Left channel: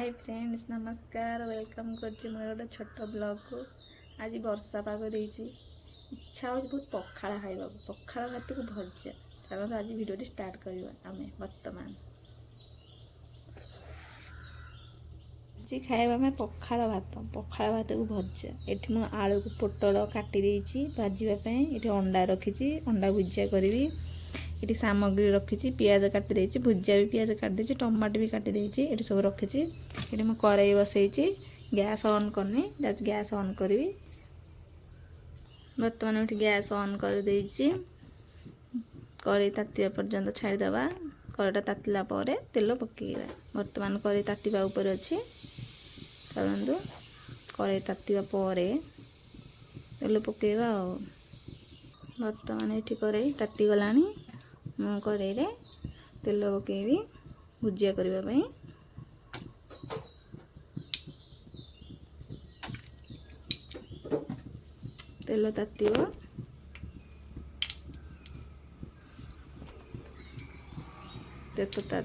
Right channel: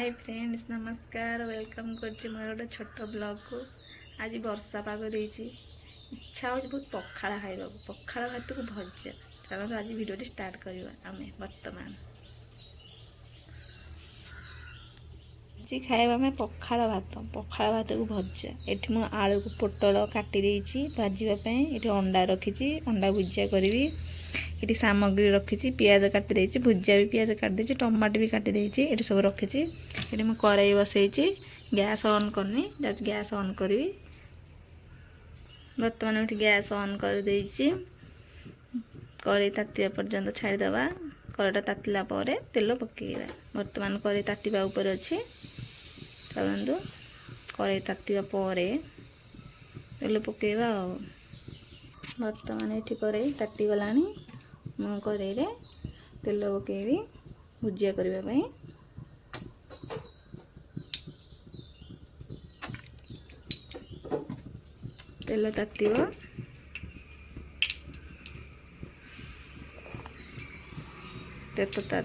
Hi friends नमस्कार welcome करछि मोर गोटे छोट ब्लॉग को। आज वर्षा पाग देछि इच्छा हो बहुत पखाड़ा खाइबा पखाड़ा भात को भजा। चलो आज वीडियो स्टार्ट करवा आमे वर्तमान जी खाइबा में पखाड़ा भात को भजा। एठी मु आलू को पोटल काटी देछि भाजीबा पई। एठी अंडा रखिछि अंडा भुजिया करबी। ये सामग्री रखी पियाज काटी देछि भुजिया भी पियाज काटी देछि टमाटो भी काटी देछि। ये सब रखी ये मैं कड़ाई बसई गैस ऑन करनी गैस ऑन करी। बर्तमान ये गैस ऑन कर देछि कड़ाई तातिया पर्यंत छाड़ीदबा। कड़ाईटा तातिला पर तेल पकेଇବା। बर्तमान कड़ाई तातिबा ऊपर अच्छी चलतु कड़ाई तातिबा पर तेल पकेଇବା। बर्तमान ये कड़ाई ताति गलानी मु कड़ाई रे तेल पकेबी भुजिया करबा पई। तेल तातिबो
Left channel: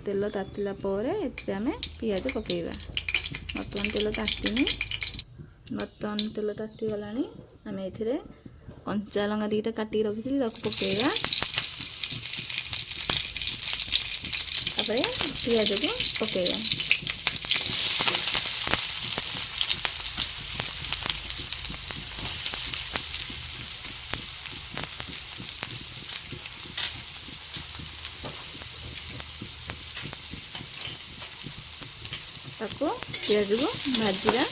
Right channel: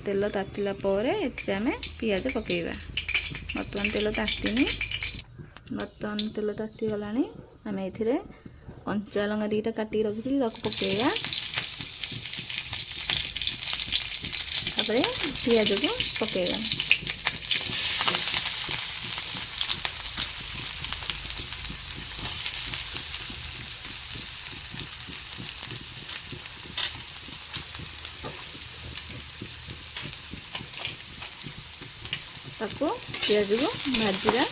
तेल तातिला पर एथिरे आमे पियाज पकेଇବା। बर्तमान तेल तातिनी बर्तमान तेल ताति गलानी आमे एथिरे कंचा लंका दीटा काटी रखिथि ताको पकेଇବା। तापर पियाज को पकेଇବା। ताको पियाज को भाजीरा।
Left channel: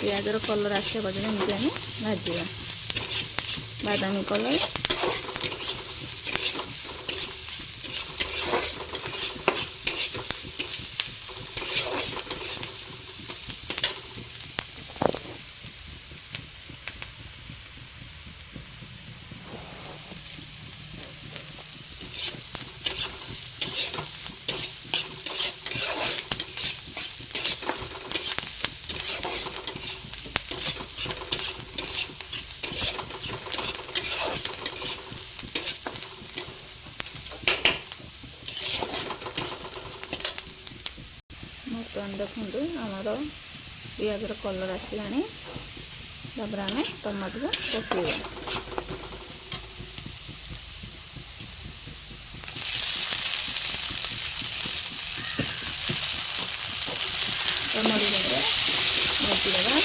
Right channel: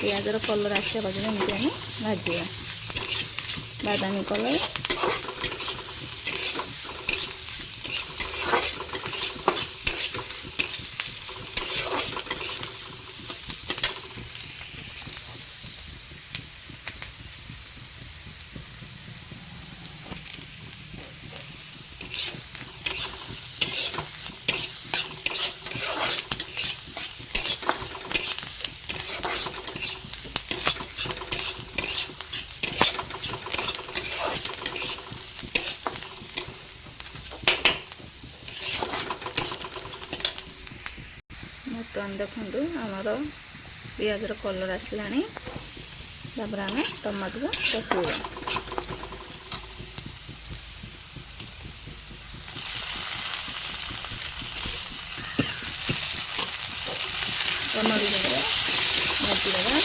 पियाजर कलर आसा पर्यटन एमती आम भाजा बादामी कलर। बर्तमान देखु आमर पियाजर कलर आसला। तापर आम टमाटो को पकेଇବା। टमाटो भाजीदेवा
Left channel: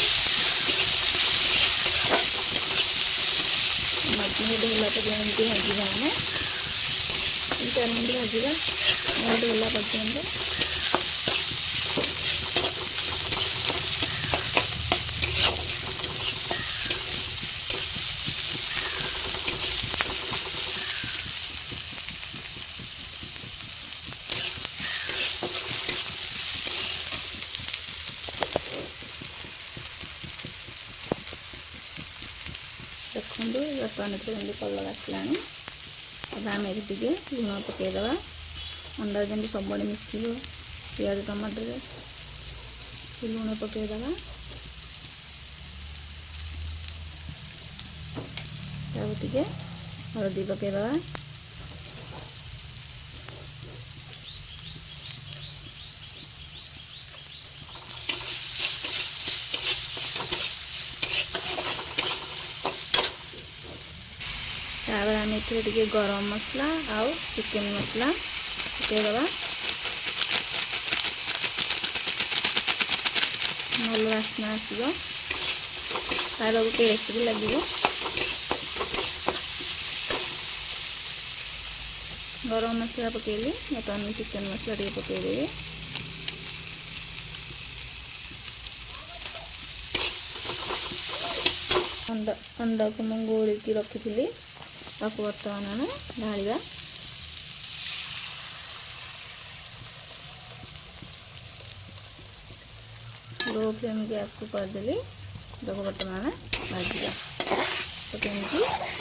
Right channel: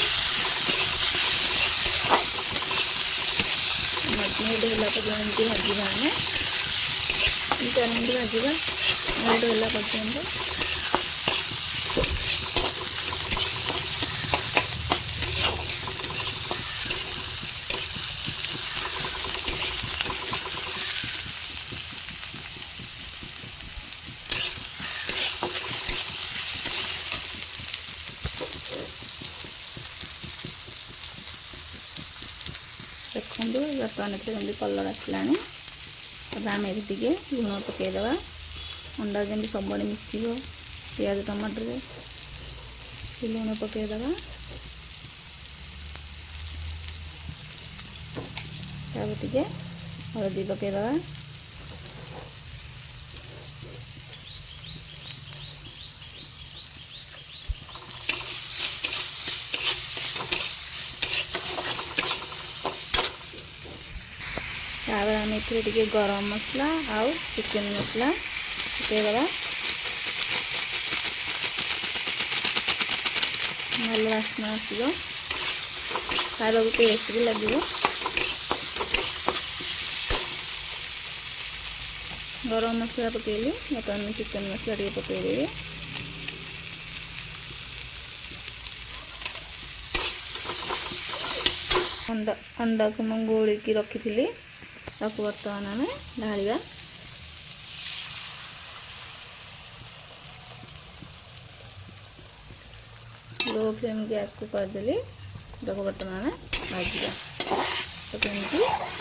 मेल्ट होला पर्यंत भाजवा। आम 4 मिनट भाजवा मेल्ट होला पर्यंत। देखो बर्तमान जमी कलर आसला। अब आम ये लुण पकईदे अंडा जमी सब मिस पियाज टमाटर लुण पकईदे। टे हलदी पकईदे। तापर आम ए गरम मसला आउ चिकेन मसला पकईदे। भल वासना आसो खावा को टेस्ट भी लगे। गरम मसला पकेली बर्तमान चिकेन मसला टे पकईदेवी। अंडा को मुझे गोलिकी रखी थी ताको बर्तमान आम ढालिबा। लो फ्लेम गैस को करदेली ताको बर्तमान आम भाजवा। तो कमी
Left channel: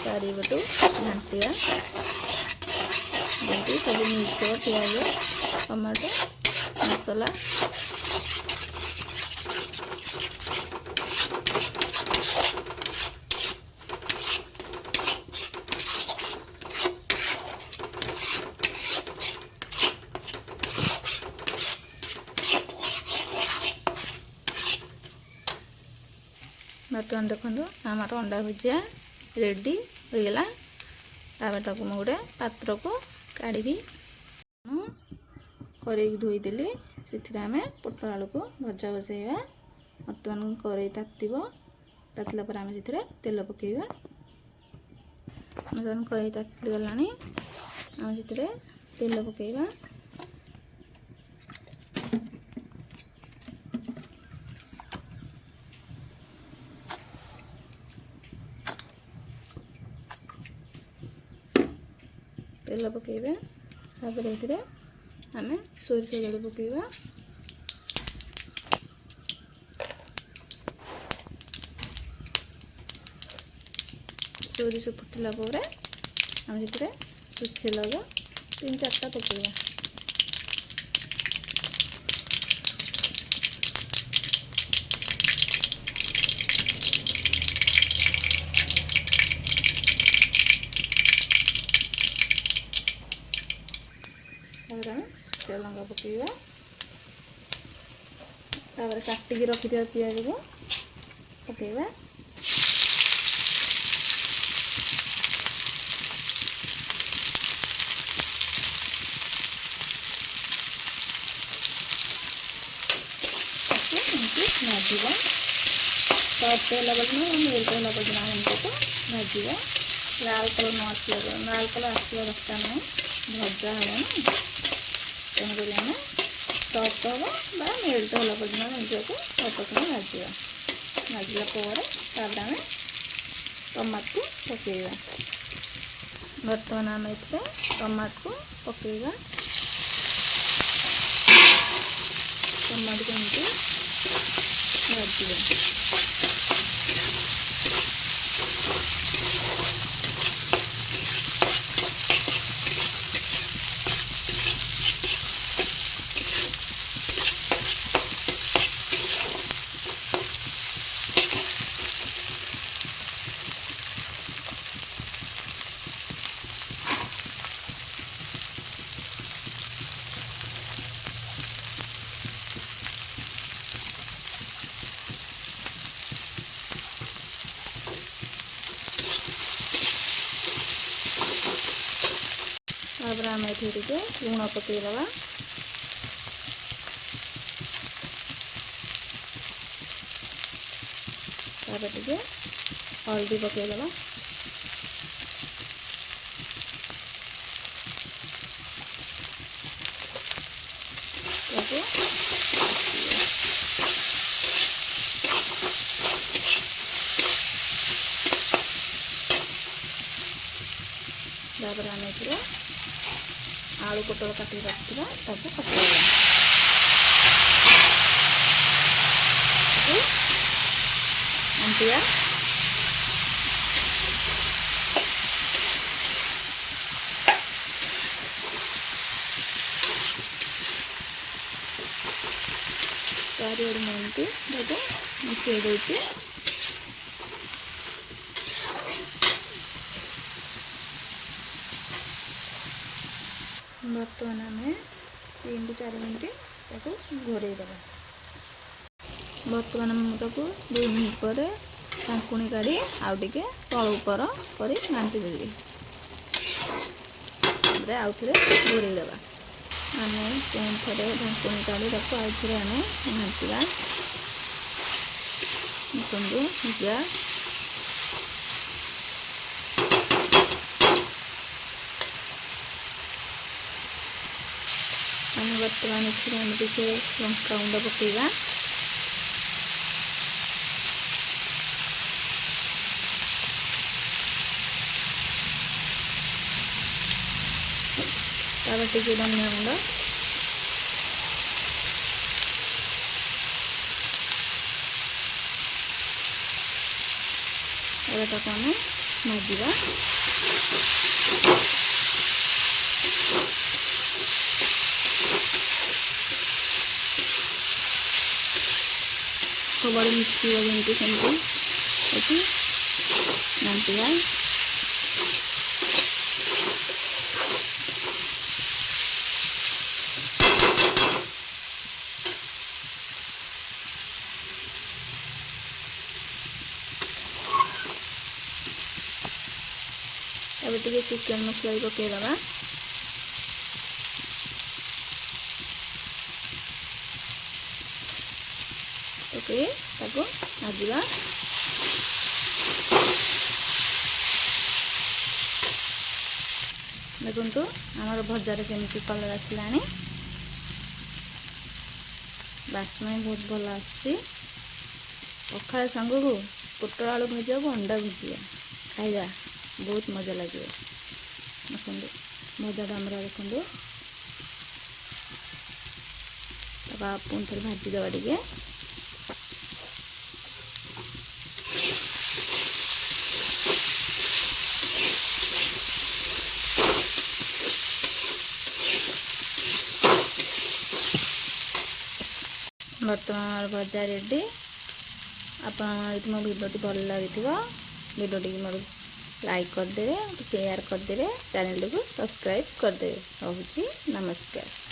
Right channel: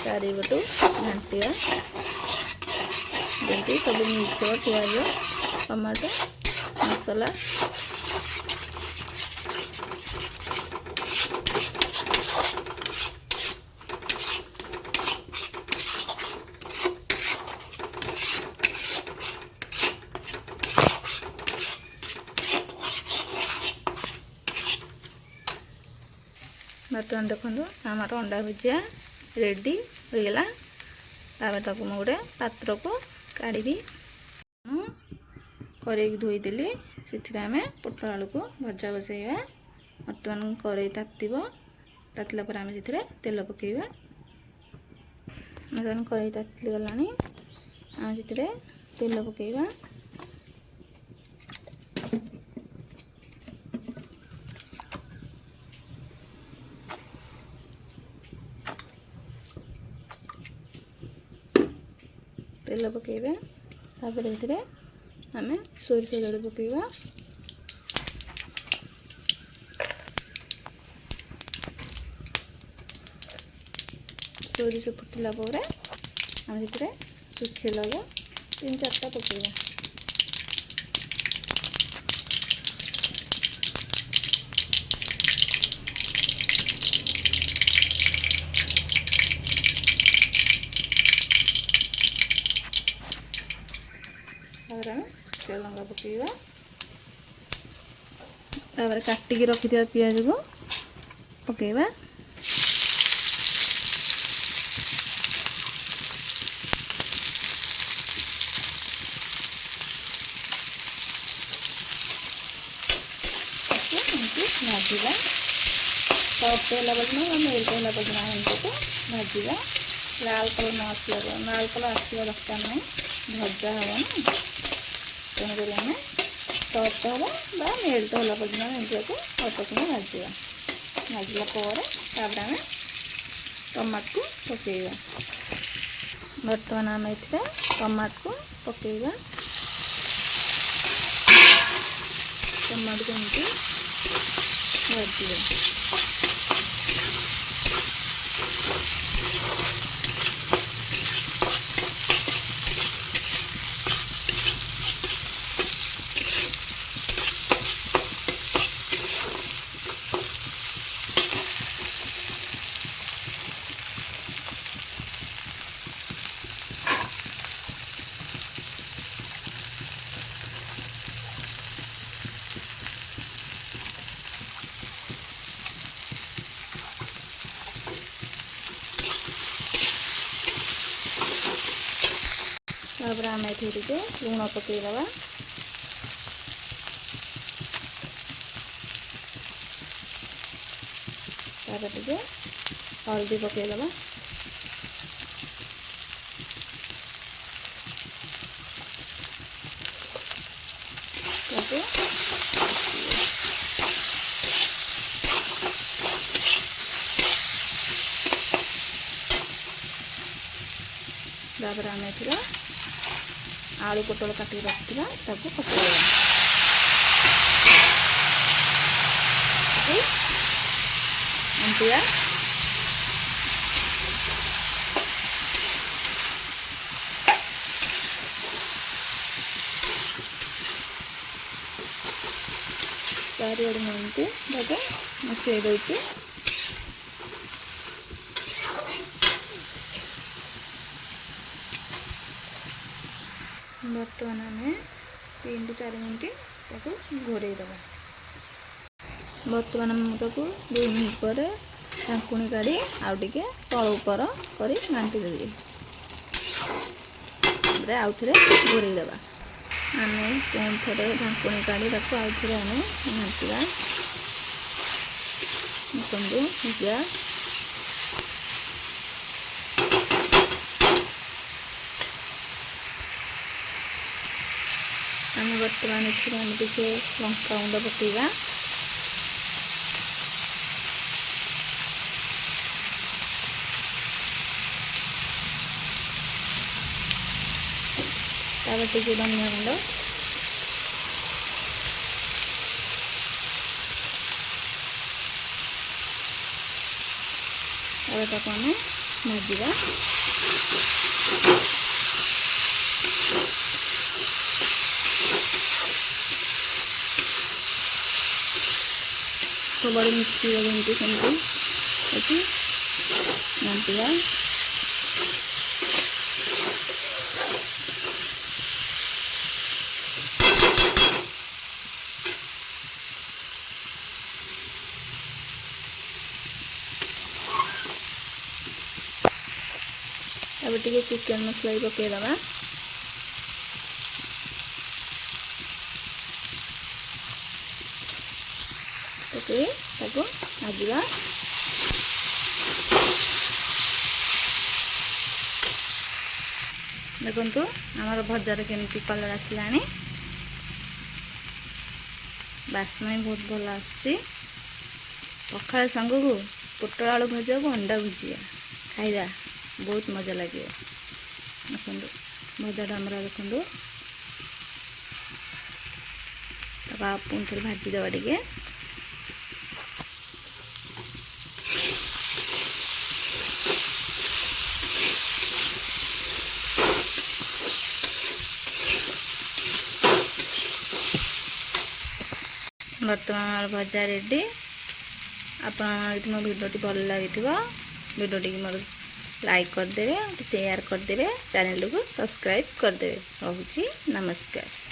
चारिपटू घाटिया जमी सब मिक्स हो पियाज टमाटो मसला। बर्तमान देखो आमर अंडा भुजिया रेडी होगला। तक मुझे गोटे पात्र को काढ़ी कड़े धोईदेली से आम पोटल आलू को भजा बसैया। बर्तमान कड़े तातिला पर आम से तेल पकेवा। बर्तमान कड़े ताति गला आम से तेल पकेवा। तेल पकेबा तापर ए आम सोरिष जोड़ पकेबा। सोरिष फुटिला पर आम से सुखी लगा 3-4टा पकेबा। तापर आम शुखा लंका पकेबा। तापर काटिकी रखिथिबा पियाज को पकेबा। भाजवा सफ्ट है मेल्ट है को भाजवा। लाल कलर न आसला लाल कलर आसवा दरकार ना भजा हम ना तेणुक आम सफ्ट हम मेल्ट होला पर्यटन को अल्प समय भाजवा। भाजला आम टमाट को पकेवा। बर्तमान आम ये टमाट को पकेवा। टमाट को एमती भाजवा। तापर आम ये लुण पकईदबा। तापर टे हल्दी पकईदबा। तापर आम आलू पोटल काटी रखा पकईवा। अंतिया चारिड़ मिनट मिसई दे। बर्तमान आम 3-4 मिनट घोड़े दबा। बर्तमान मुझको 2 मिनट पर ढाकुणी काढ़ी आउ टे तल उपर कर घाटी देली। आउ थे घोड़े दबा। आम थे ढाकुणी काढ़ी आउ थे आम घाटा। देखो भुजिया आम बर्तमान टे लंका गुंड पकेगा। तापर टे धनिया गुंड ताको आम भाजवा। सबड़े मिक्सी जमी सेमती घाटिया। अब टिके चिकन मसला भी पकईदबा। पकई ताको भाजवा। देखु आमर भजार केमती कलर आसलानी, बास्ना भी बहुत भल आसुची। पखाल सांग को पोटल आलू भजा को अंडा भुजिया खाइबा बहुत मजा लगे। देखो भजाटा आमर देखो पुणी थे भाजीदेवा टे। बर्तमान भजा रेडी। आप मो भिडियोटी भल लगी भिडियोटी मोर लाइक करदे, शेयर करदे, चैनल को सब्सक्राइब करदे। रोची नमस्कार।